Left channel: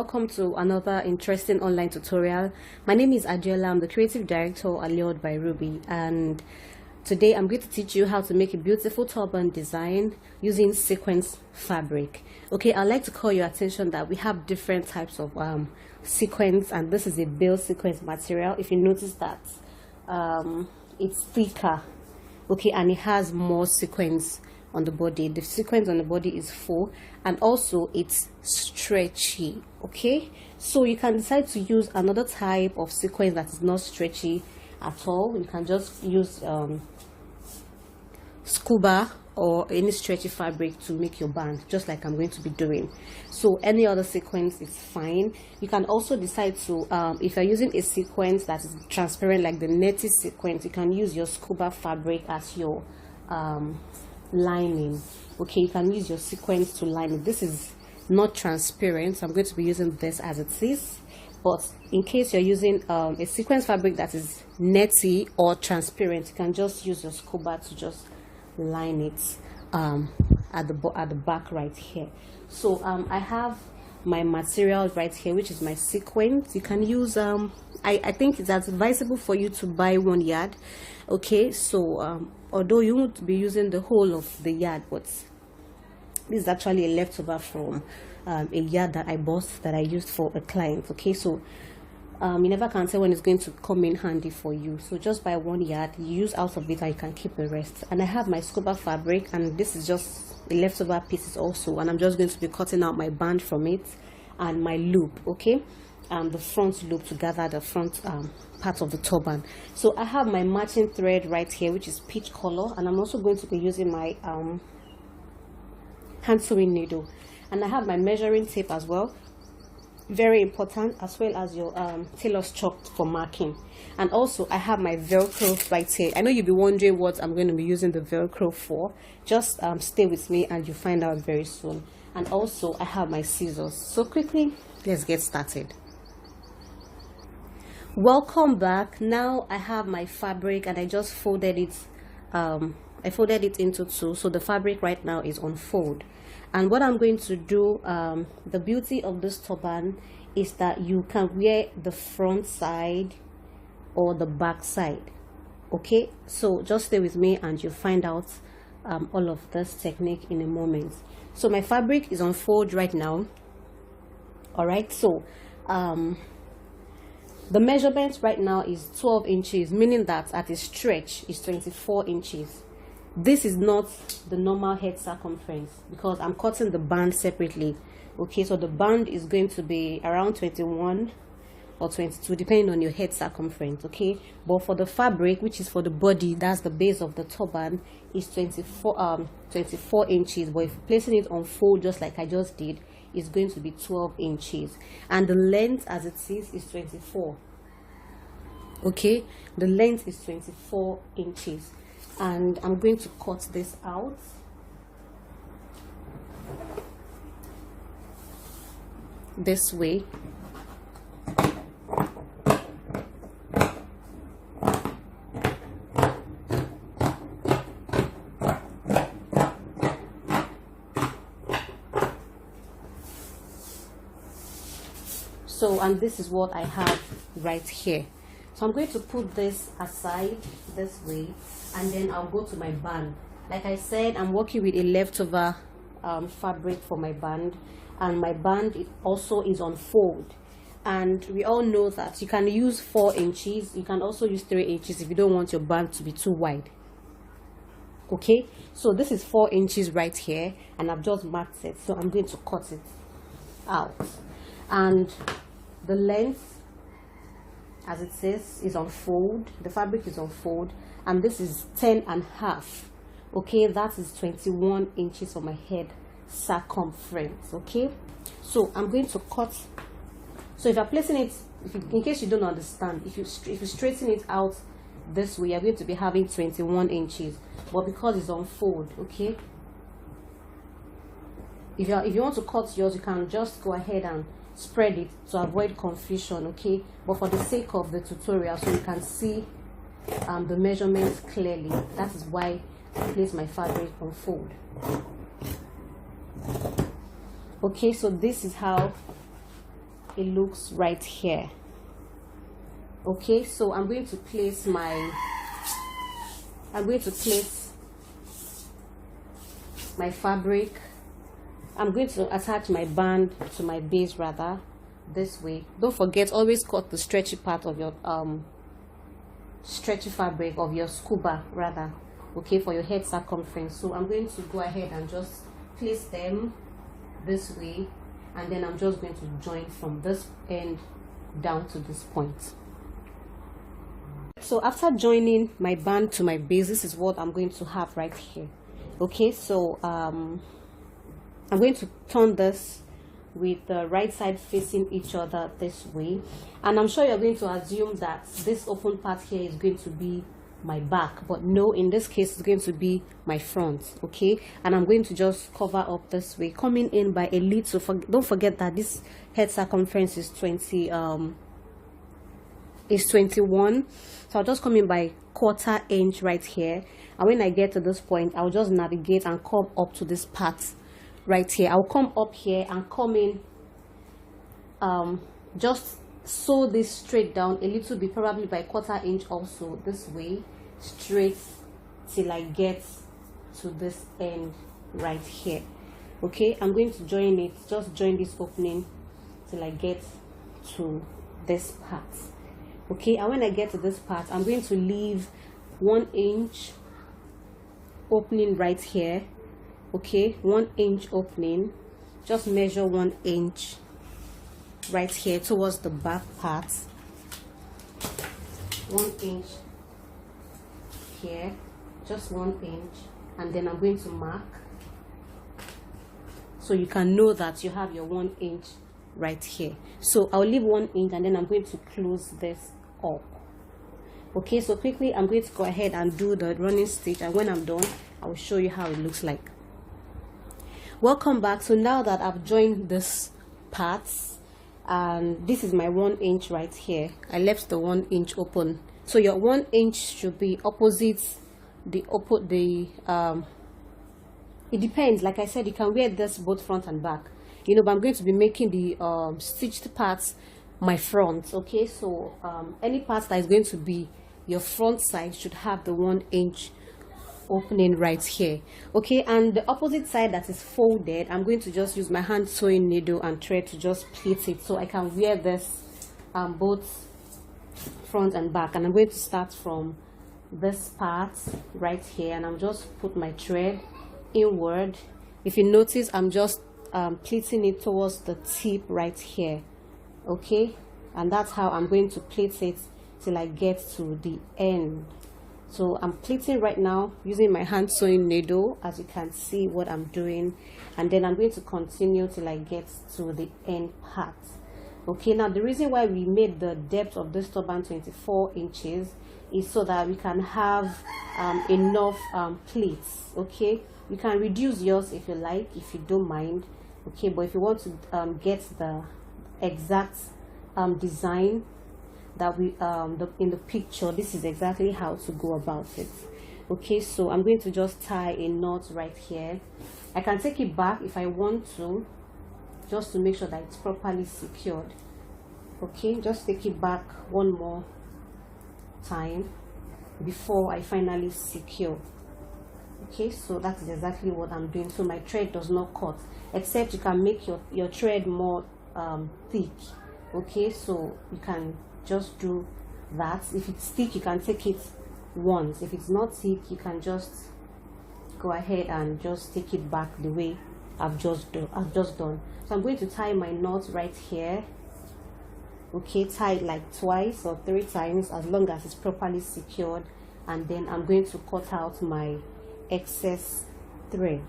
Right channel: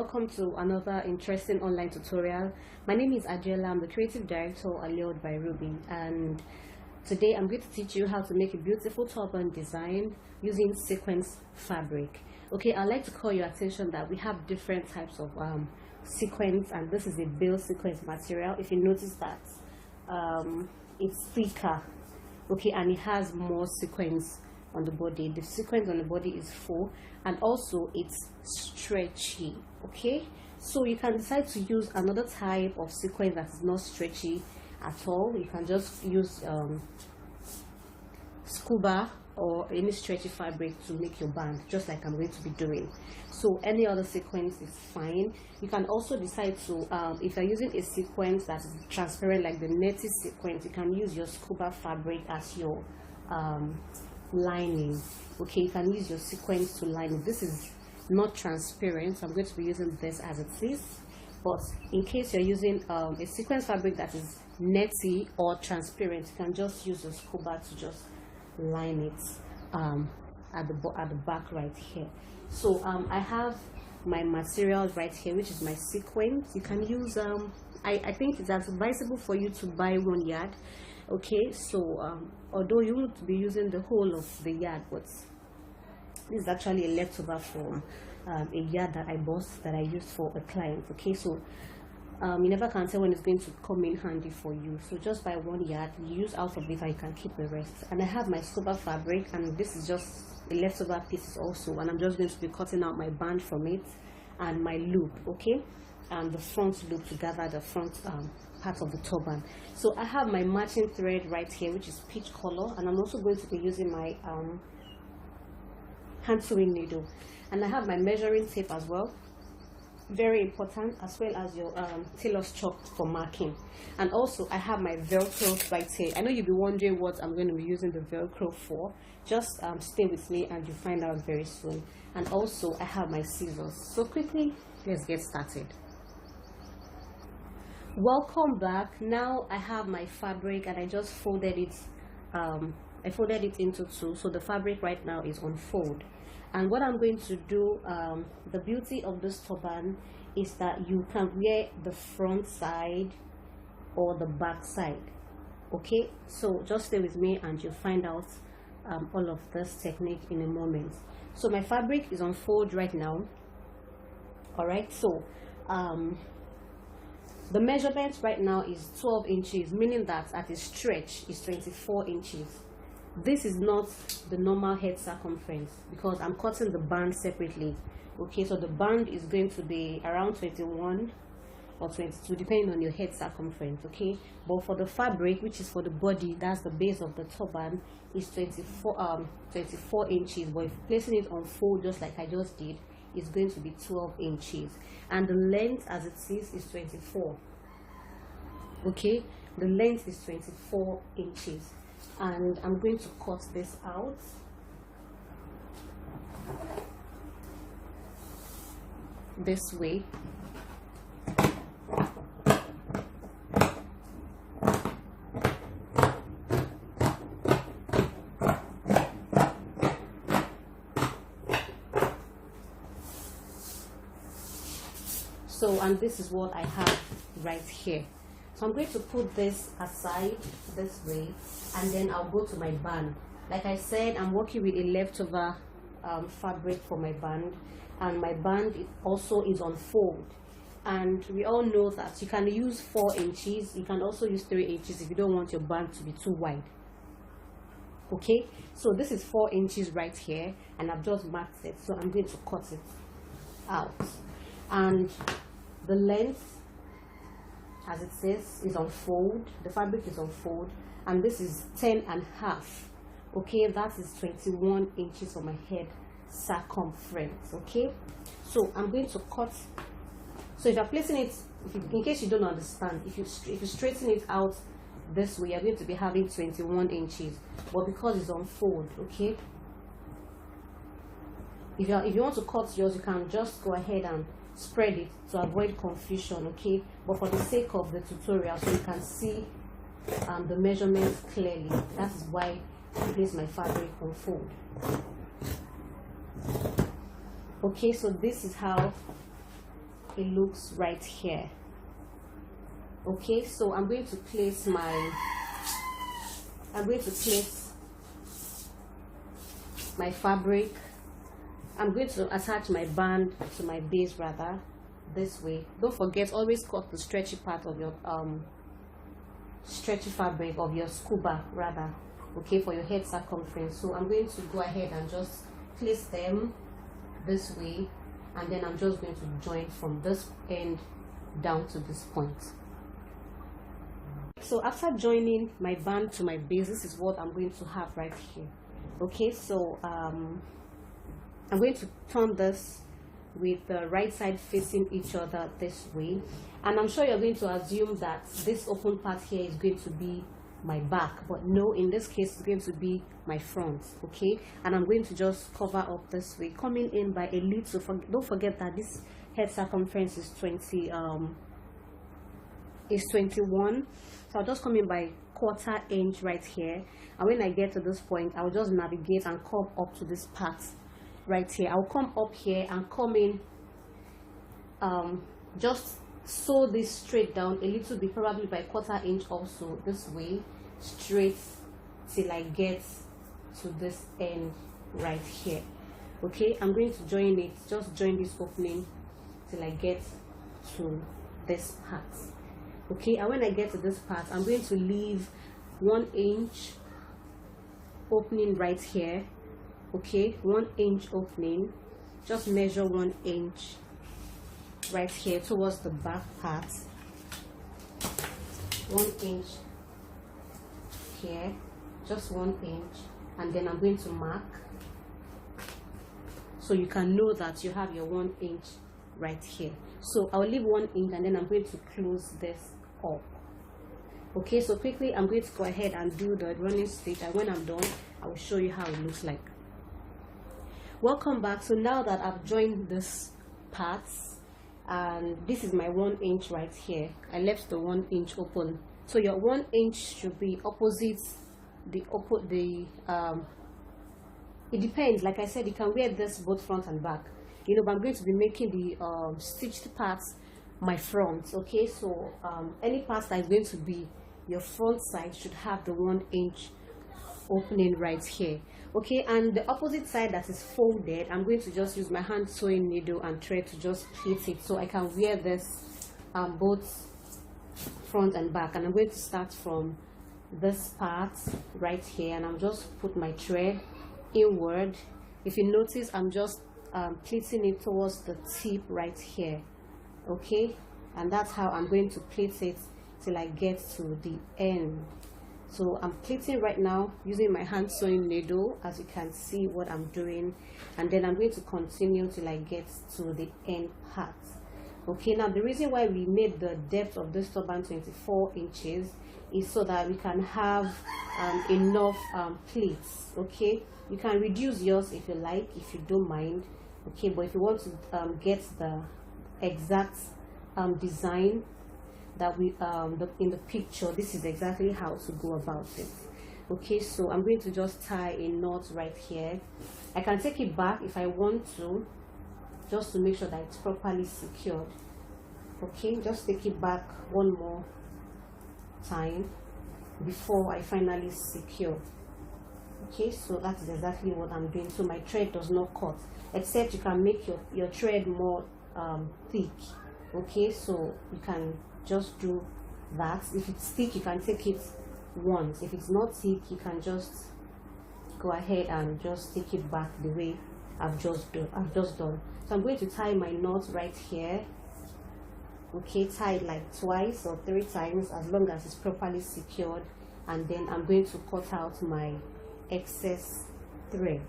welcome to another interesting online tutorial. My name is Adela. I'm the creative director allured by Ruby, and today I'm going to teach you how to make a beautiful turban design using sequins fabric. Okay, I'd like to call your attention that we have different types of sequins, and this is a bale sequins material. If you notice that it's thicker, okay, and it has more sequins on the body. The sequence on the body is full, and also it's stretchy. Okay, so you can decide to use another type of sequence that is not stretchy at all. You can just use scuba or any stretchy fabric to make your band, just like I'm going to be doing. So any other sequence is fine. You can also decide to if you're using a sequence that is transparent, like the netty sequence, you can use your scuba fabric as your lining. Okay, you can use your sequence to line it. This is not transparent, so I'm going to be using this as it is, but in case you're using a sequence fabric that is netty or transparent, you can just use your scuba to just line it at the back right here. So I have my material right here, which is my sequence. You can use I think it's advisable for you to buy 1 yard. Okay, so although you won't be using the whole of the yard, but this is actually a leftover from a yard that I bought that I used for a client. Okay, so you never can tell when it's going to come in handy for you, so just buy 1 yard, you use out of it and you can keep the rest. And I have my scuba fabric, and this is just a leftover pieces also, and I'm just going to be cutting out my band from it and my loop, okay, and the front loop to gather the front part of the turban. So I have my matching thread right here, which is peach color, and I'm also going to be using my hand sewing needle, and I have my measuring tape as well, very important, as well as your tailor's chalk for marking. And also I have my velcro right here. I know you'll be wondering what I'm going to be using the velcro for. Just stay with me and you find out very soon. And also I have my scissors. So quickly, let's get started. Welcome back. Now I have my fabric, and I just folded it I folded it into two, so the fabric right now is on fold. And what I'm going to do, the beauty of this turban is that you can wear the front side or the back side. Okay, so just stay with me and you'll find out all of this technique in a moment. So my fabric is on fold right now. All right, so the measurement right now is 12 inches, meaning that at a stretch is 24 inches. This is not the normal head circumference because I'm cutting the band separately. Okay, so the band is going to be around 21 or 22 depending on your head circumference. Okay, but for the fabric, which is for the body, that's the base of the turban, is 24 inches. But if placing it on fold just like I just did, it's going to be 12 inches, and the length as it is 24. Okay, the length is 24 inches. And I'm going to cut this out. This way. So, and this is what I have right here. So I'm going to put this aside this way, and then I'll go to my band. Like I said, I'm working with a leftover fabric for my band, and my band also is on fold. And we all know that you can use 4 inches, you can also use 3 inches if you don't want your band to be too wide. Okay, so this is 4 inches right here, and I've just marked it, so I'm going to cut it out. And the length, as it says, is on fold. The fabric is on fold, and this is 10.5. okay, that is 21 inches for my head circumference. Okay, so I'm going to cut. So if you're placing it, in case you don't understand, if you straighten it out this way, you're going to be having 21 inches, but because it's on fold, okay, if you want to cut yours, you can just go ahead and spread it to avoid confusion. Okay, but for the sake of the tutorial, so you can see the measurements clearly, that is why I place my fabric on fold. Okay, so this is how it looks right here. Okay, so I'm going to place my fabric. I'm going to attach my band to my base rather, this way. Don't forget, always cut the stretchy part of your stretchy fabric of your scuba rather, okay, for your head circumference. So I'm going to go ahead and just place them this way, and then I'm just going to join from this end down to this point. So after joining my band to my base, this is what I'm going to have right here. Okay, so I'm going to turn this with the right side facing each other this way, and I'm sure you're going to assume that this open part here is going to be my back, but no, in this case it's going to be my front. Okay, and I'm going to just cover up this way, coming in by a little. Don't forget that this head circumference is 21, so I'll just come in by 1/4 inch right here, and when I get to this point, I'll just navigate and come up to this part right here. I'll come up here and come in, just sew this straight down a little bit, probably by 1/4 inch also, this way straight till I get to this end right here. Okay, I'm going to join it, just join this opening till I get to this part. Okay, and when I get to this part, I'm going to leave 1 inch opening right here. Okay, 1 inch opening, just measure 1 inch right here towards the back part, 1 inch here, just 1 inch, and then I'm going to mark so you can know that you have your 1 inch right here. So I'll leave 1 inch, and then I'm going to close this up. Okay, so quickly I'm going to go ahead and do the running stitch, and when I'm done I will show you how it looks like. Welcome back. So now that I've joined this parts, and this is my 1 inch right here, I left the 1 inch open. So your 1 inch should be opposite the it depends. Like I said, you can wear this both front and back, you know, but I'm going to be making the stitched parts my front. Okay, so any part that is going to be your front side should have the 1 inch opening right here. Okay, and the opposite side that is folded, I'm going to just use my hand sewing needle and thread to just pleat it so I can wear this both front and back. And I'm going to start from this part right here, and I'm just put my thread inward. If you notice, I'm just pleating it towards the tip right here. Okay, and that's how I'm going to pleat it till I get to the end. So I'm pleating right now using my hand sewing needle, as you can see what I'm doing, and then I'm going to continue till I get to the end part. Okay, now the reason why we made the depth of this turban 24 inches is so that we can have enough pleats. Okay, you can reduce yours if you like, if you don't mind. Okay, but if you want to get the exact design that we in the picture, this is exactly how to go about it. Okay, so I'm going to just tie a knot right here. I can take it back if I want to, just to make sure that it's properly secured. Okay, just take it back one more time before I finally secure. Okay, so that's exactly what I'm doing. So my thread does not cut, except you can make your thread more thick. Okay, so you can just do that. If it's thick, you can take it once. If it's not thick, you can just go ahead and just take it back the way I've just done. So I'm going to tie my knot right here. Okay, tie it like twice or 3 times, as long as it's properly secured, and then I'm going to cut out my excess thread.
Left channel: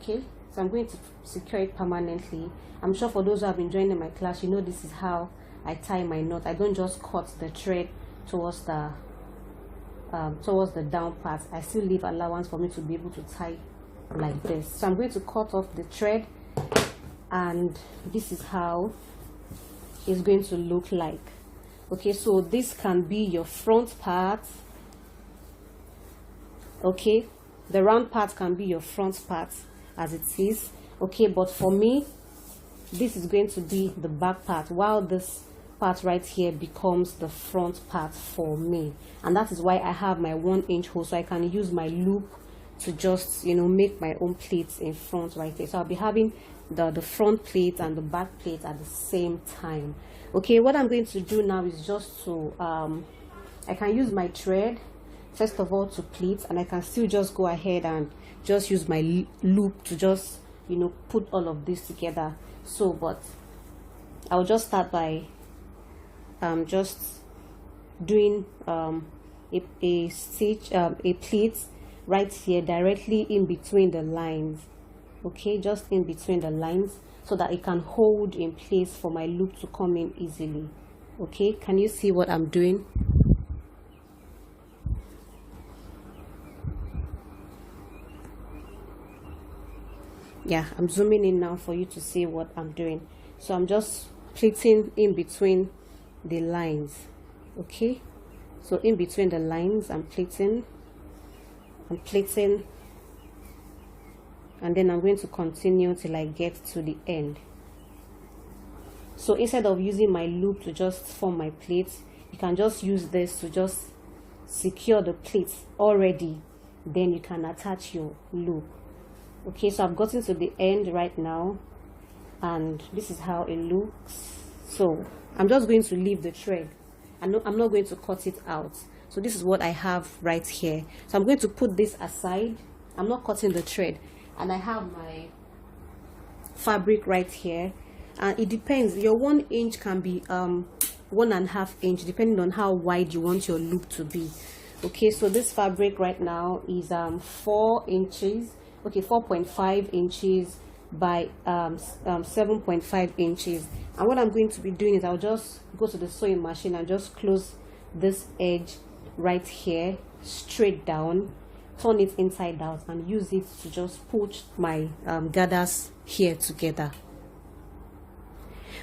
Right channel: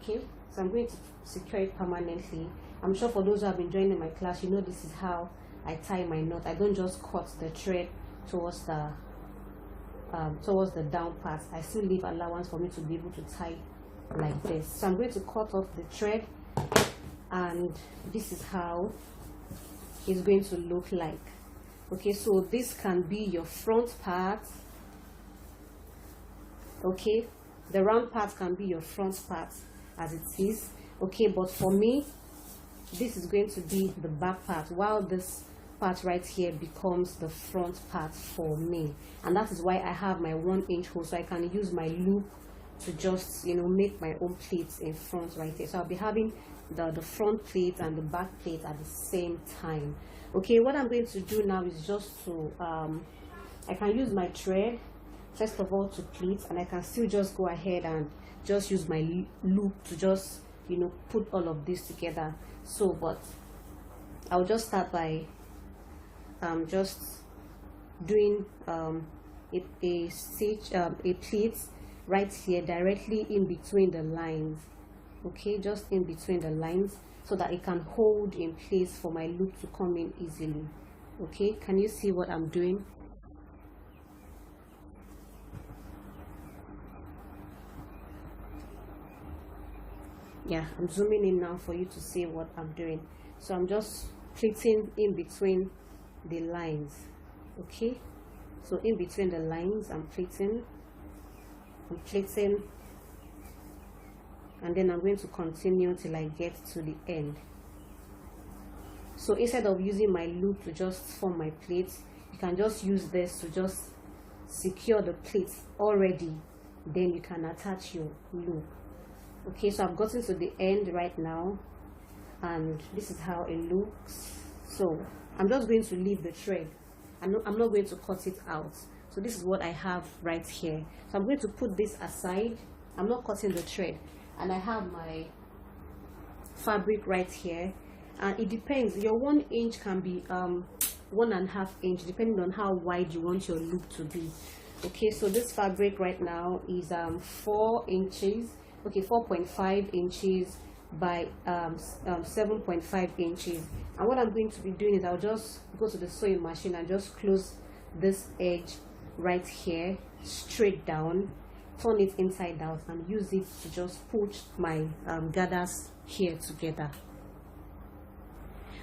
Okay, so I'm going to secure it permanently. I'm sure for those who have been joining my class, you know this is how I tie my knot. I don't just cut the thread towards the down part. I still leave allowance for me to be able to tie like this. So I'm going to cut off the thread, and this is how it's going to look like. Okay, so this can be your front part. Okay, the round part can be your front part as it is, Okay, but for me, this is going to be the back part, while this part right here becomes the front part for me. And that is why I have my 1-inch hole, so I can use my loop to just, you know, make my own pleats in front right here. So I'll be having the front plate and the back plate at the same time. Okay, what I'm going to do now is just to I can use my thread first of all to pleat, and I can still just go ahead and just use my loop to just, you know, put all of this together. So but I'll just start by just doing a stitch, a pleat right here directly in between the lines. Okay, just in between the lines, so that it can hold in place for my loop to come in easily. Okay, can you see what I'm doing? Yeah, I'm zooming in now for you to see what I'm doing. So I'm just pleating in between the lines. Okay, so in between the lines I'm pleating, and then I'm going to continue till I get to the end. So instead of using my loop to just form my plates, you can just use this to just secure the plates already, then you can attach your loop. Okay, so I've gotten to the end right now, and this is how it looks. So I'm just going to leave the thread. I'm not going to cut it out. So this is what I have right here. So I'm going to put this aside. I'm not cutting the thread, and I have my fabric right here, and it depends. Your 1 inch can be 1.5 inch, depending on how wide you want your loop to be. Okay, so this fabric right now is 4 inches. Okay, 4.5 inches by 7.5 inches. And what I'm going to be doing is I'll just go to the sewing machine and just close this edge right here straight down, turn it inside out, and use it to just push my gathers here together.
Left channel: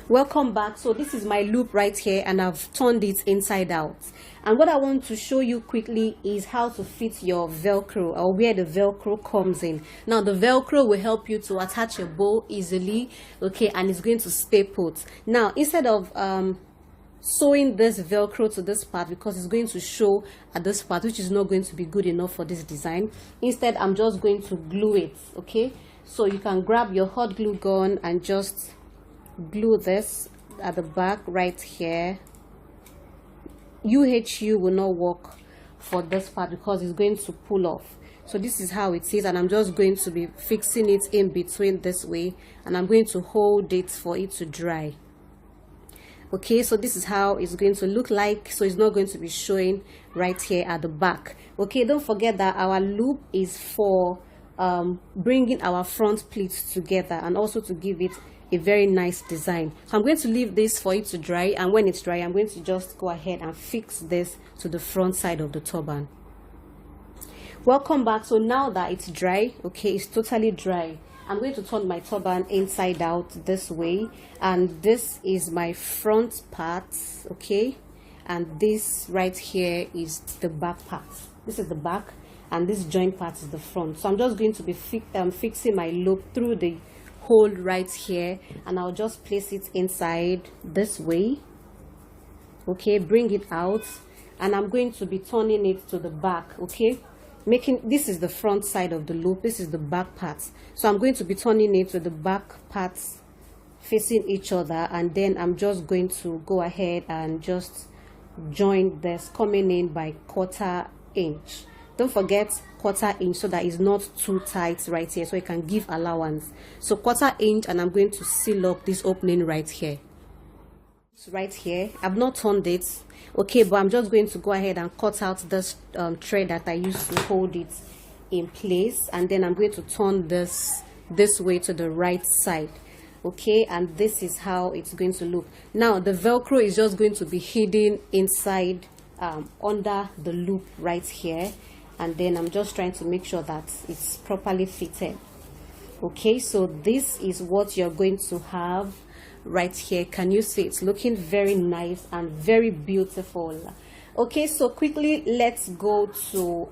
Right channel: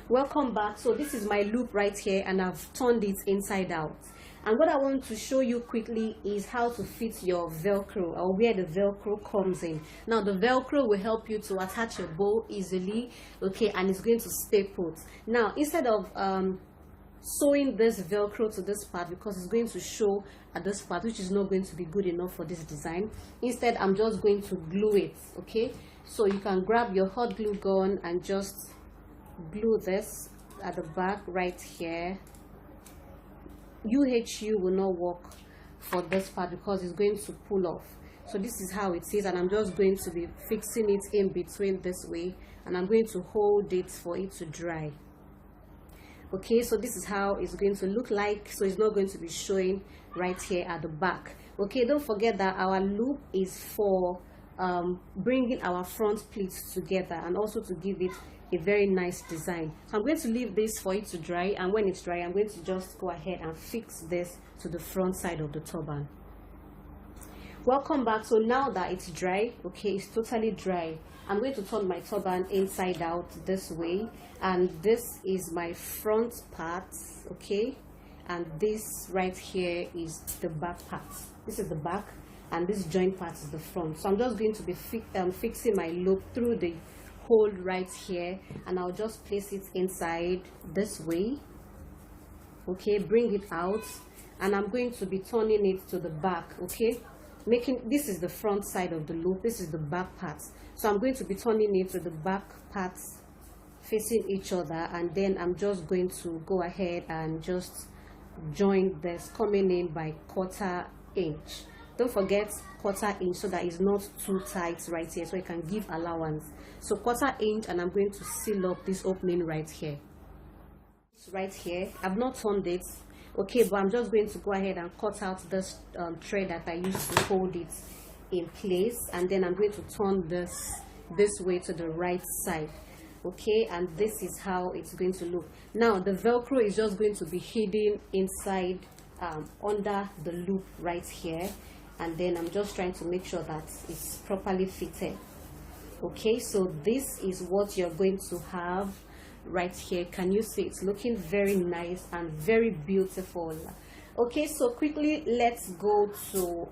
Welcome back. So this is my loop right here, and I've turned it inside out. And what I want to show you quickly is how to fit your velcro, or where the velcro comes in. Now the velcro will help you to attach your bow easily, okay, and it's going to stay put. Now instead of sewing this velcro to this part, because it's going to show at this part, which is not going to be good enough for this design, instead I'm just going to glue it. Okay, so you can grab your hot glue gun and just glue this at the back right here. UHU will not work for this part because it's going to pull off. So this is how it is, and I'm just going to be fixing it in between this way, and I'm going to hold it for it to dry. Okay, so this is how it's going to look like. So it's not going to be showing right here at the back. Okay, don't forget that our loop is for bringing our front pleats together, and also to give it a very nice design. So I'm going to leave this for it to dry, and when it's dry I'm going to just go ahead and fix this to the front side of the turban. Welcome back. So now that it's dry, okay, it's totally dry, I'm going to turn my turban inside out this way, and this is my front part, okay, and this right here is the back part. This is the back, and this joint part is the front. So I'm just going to be fixing my loop through the hole right here, and I'll just place it inside this way. Okay, bring it out, and I'm going to be turning it to the back. Okay, making this is the front side of the loop, this is the back part. So I'm going to be turning it to the back parts facing each other, and then I'm just going to go ahead and just join this, coming in by 1/4 inch. Don't forget 1/4 inch, so that it's not too tight right here, so it can give allowance. So 1/4 inch, and I'm going to seal up this opening right here. Right here, I've not turned it, okay, but I'm just going to go ahead and cut out this thread that I used to hold it in place, and then I'm going to turn this way to the right side. Okay, and this is how it's going to look. Now the velcro is just going to be hidden inside under the loop right here, and then I'm just trying to make sure that it's properly fitted. Okay, so this is what you're going to have right here. Can you see? It's looking very nice and very beautiful. Okay, so quickly let's go to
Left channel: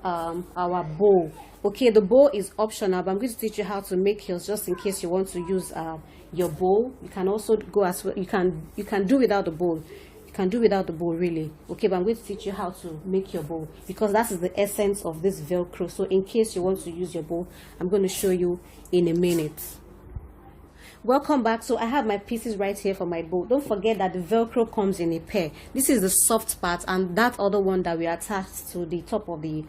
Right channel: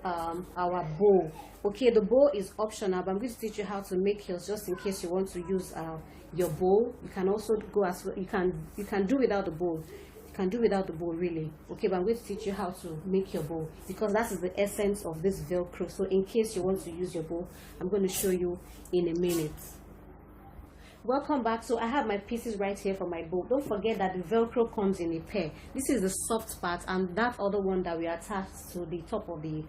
our bow. Okay, the bow is optional, but I'm going to teach you how to make yours just in case you want to use your bow. You can also go as well. You can do without the bow. You can do without the bow, really. Okay, but I'm going to teach you how to make your bow, because that is the essence of this velcro. So in case you want to use your bow, I'm going to show you in a minute. Welcome back. So I have my pieces right here for my bow. Don't forget that the velcro comes in a pair. This is the soft part, and that other one that we attached to the top of the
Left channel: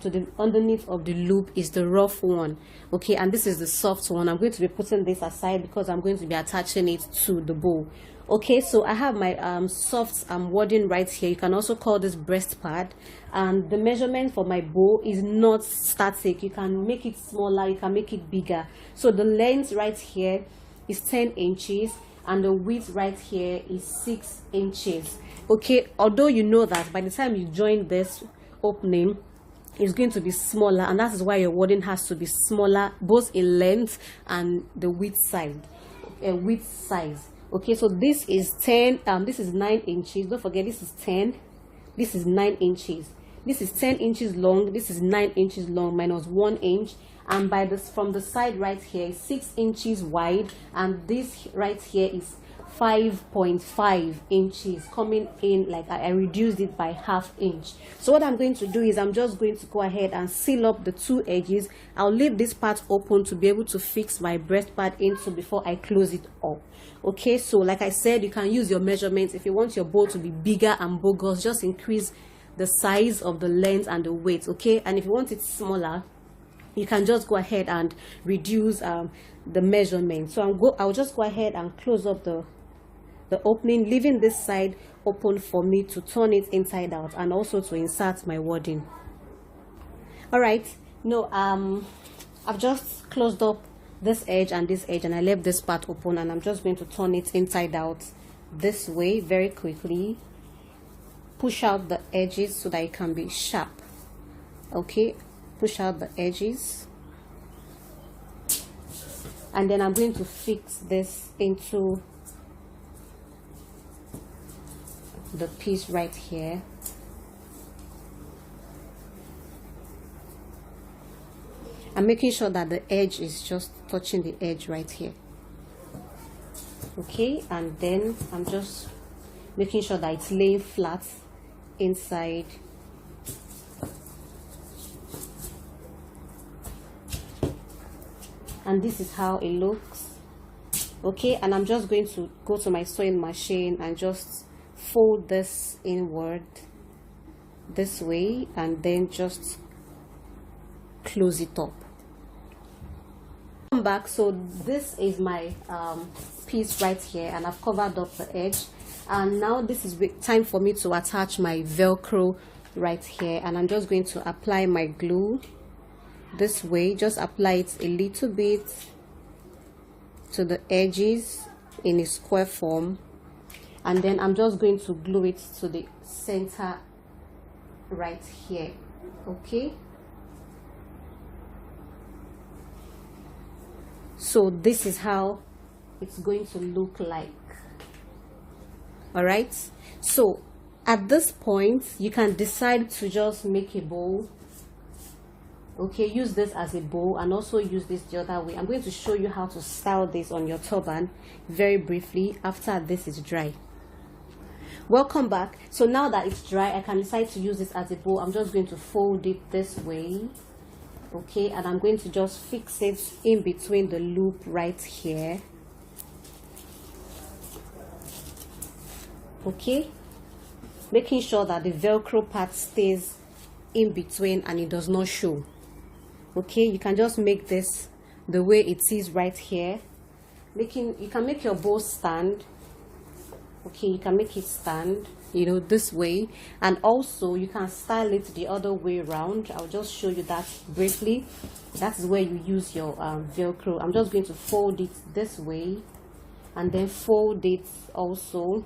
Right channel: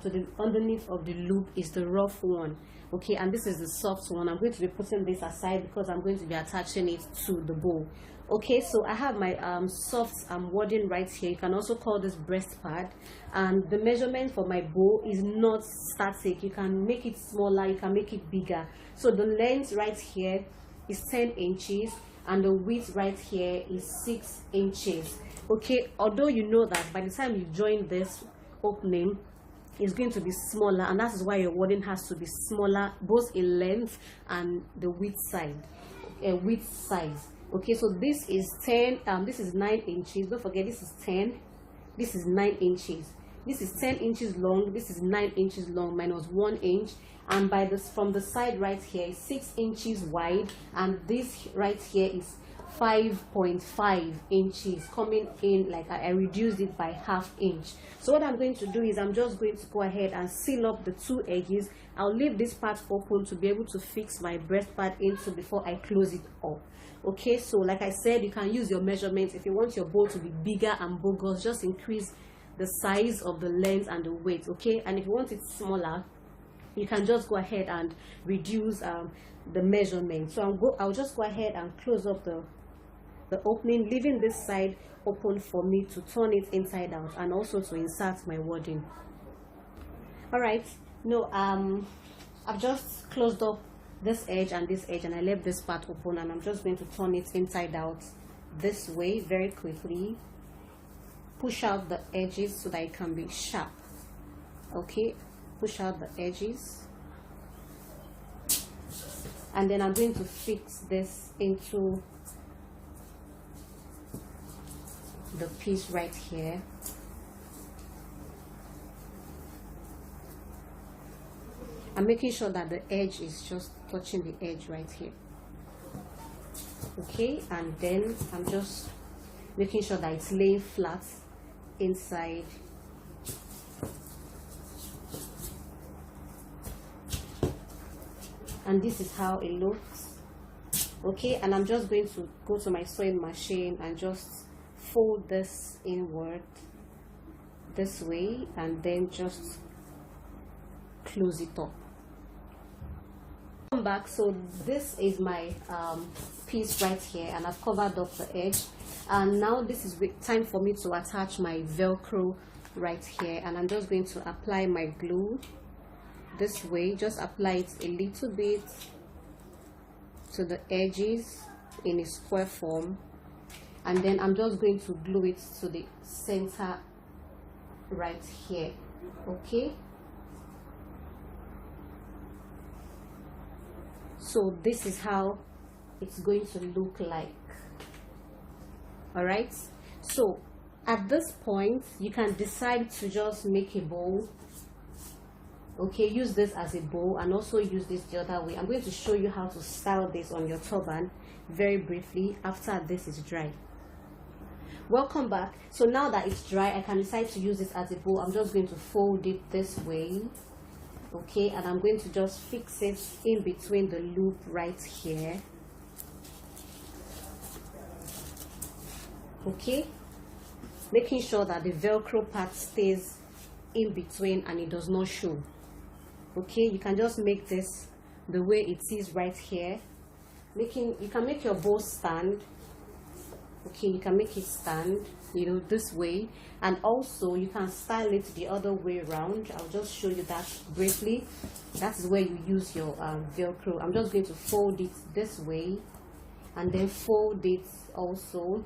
to the underneath of the loop is the rough one. Okay, and this is the soft one. I'm going to be putting this aside because I'm going to be attaching it to the bow. Okay, so I have my soft wording right here. You can also call this breast pad, and the measurement for my bow is not static. You can make it smaller, you can make it bigger. So the length right here is 10 inches and the width right here is 6 inches. Okay, although you know that by the time you join this opening, it's going to be smaller, and that is why your wording has to be smaller both in length and the width size. Okay, so this is 10, this is 9 inches. Don't forget, this is 10, this is 9 inches. This is 10 inches long, this is 9 inches long minus 1 inch, and by this from the side right here is 6 inches wide, and this right here is 5.5 inches coming in. Like I reduced it by half inch. So what I'm going to do is I'm just going to go ahead and seal up the two edges. I'll leave this part open to be able to fix my breast pad into before I close it up. Okay, so like I said, you can use your measurements. If you want your bow to be bigger and bogus, just increase the size of the length and the weight. Okay, and if you want it smaller, you can just go ahead and reduce the measurement. So I'll just go ahead and close up the opening, leaving this side open for me to turn it inside out and also to insert my wording. All right, I've just closed up this edge and this edge, and I left this part open, and I'm just going to turn it inside out this way very quickly. Push out the edges so that it can be sharp. Okay, push out the edges, and then I'm going to fix this into the piece right here. I'm making sure that the edge is just touching the edge right here. Okay, and then I'm just making sure that it's laying flat inside. And this is how it looks. Okay, and I'm just going to go to my sewing machine and just fold this inward this way, and then just close it up. Come back. So this is my piece right here, and I've covered up the edge, and now this is time for me to attach my velcro right here, and I'm just going to apply my glue this way. Just apply it a little bit to the edges in a square form, and then I'm just going to glue it to the center right here. Okay, so this is how it's going to look like. All right, so at this point you can decide to just make a bow. Okay, use this as a bow and also use this the other way. I'm going to show you how to style this on your turban very briefly after this is dry. Welcome back. So now that it's dry, I can decide to use this as a bow. I'm just going to fold it this way. Okay, and I'm going to just fix it in between the loop right here. Okay, making sure that the velcro part stays in between and it does not show. Okay, you can just make this the way it is right here. You can make your bow stand. Okay, you can make it stand, this way, and also you can style it the other way around. I'll just show you that briefly. That is where you use your velcro. I'm just going to fold it this way and then fold it also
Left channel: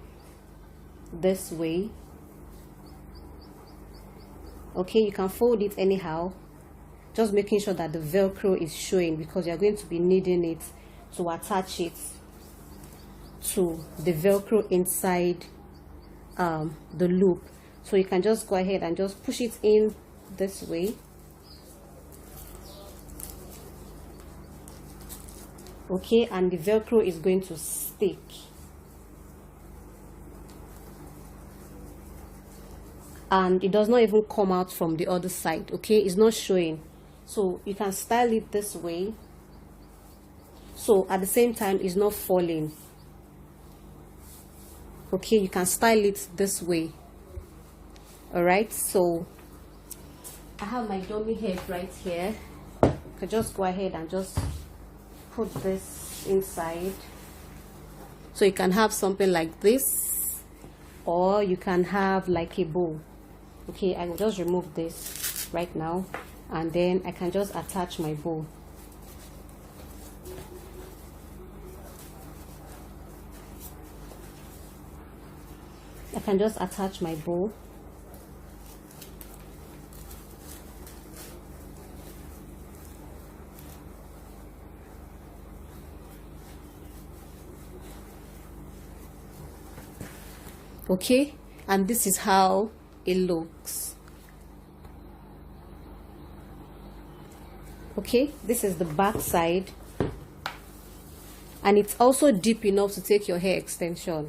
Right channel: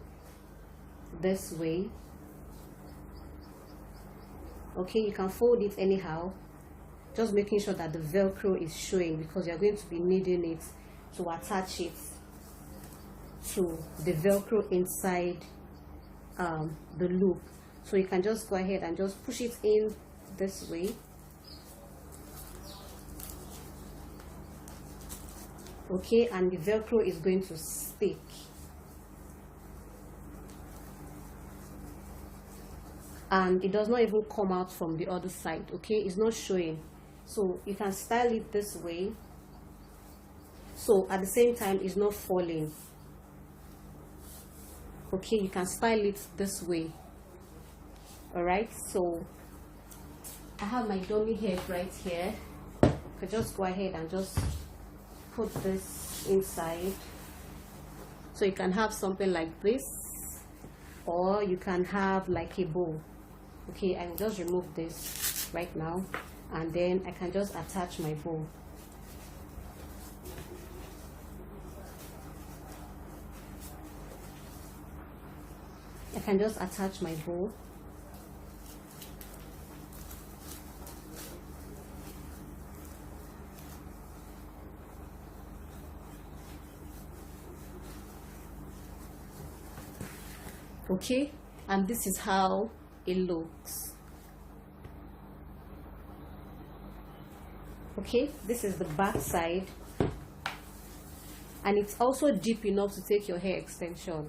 this way. Okay, you can fold it anyhow, just making sure that the velcro is showing, because you're going to be needing it to attach it to the velcro inside the loop. So you can just go ahead and just push it in this way. Okay, and the velcro is going to stick. And it does not even come out from the other side. Okay, it's not showing. So you can style it this way, so at the same time it's not falling. Okay, you can style it this way. All right, so I have my dummy head right here. I could just go ahead and just put this inside. So you can have something like this, or you can have like a bow. Okay, I will just remove this right now, and then I can just attach my bow. I can just attach my bow. Okay, and this is how it looks. Okay, this is the back side, and it's also deep enough to take your hair extension.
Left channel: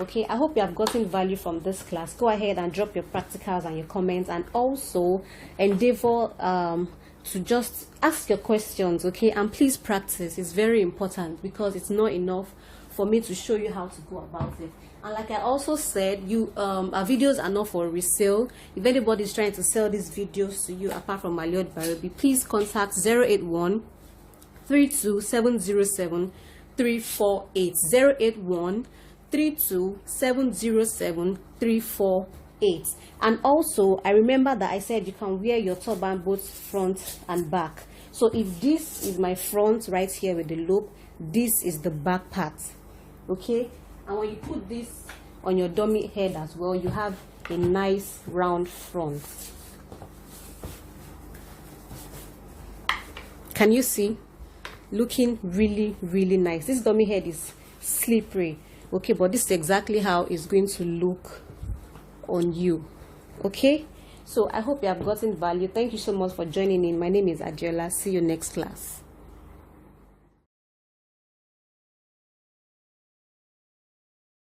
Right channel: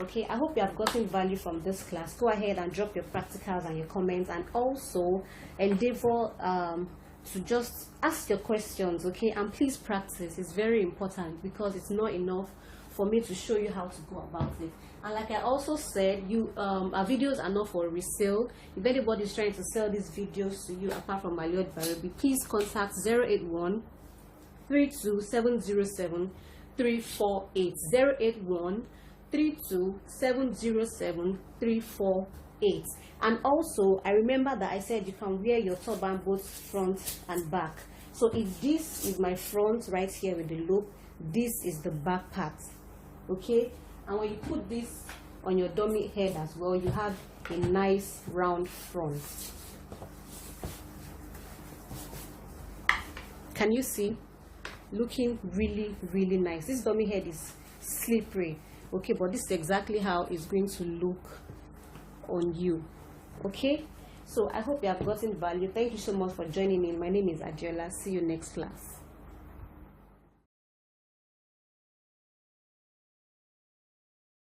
Okay, I hope you have gotten value from this class. Go ahead and drop your practicals and your comments, and also endeavor to just ask your questions. Okay, and please practice. It's very important, because it's not enough for me to show you how to go about it. And like I also said, our videos are not for resale. If anybody is trying to sell these videos to you apart from my Lord Barobi, please contact 081 32707 348 081 32707 348. And also, I remember that I said you can wear your turban both front and back. So if this is my front right here with the loop, this is the back part. Okay, and when you put this on your dummy head as well, you have a nice round front. Can you see? Looking really, really nice. This dummy head is slippery. Okay, but this is exactly how it's going to look on you. Okay, so I hope you have gotten value. Thank you so much for joining in. My name is Adjola. See you next class.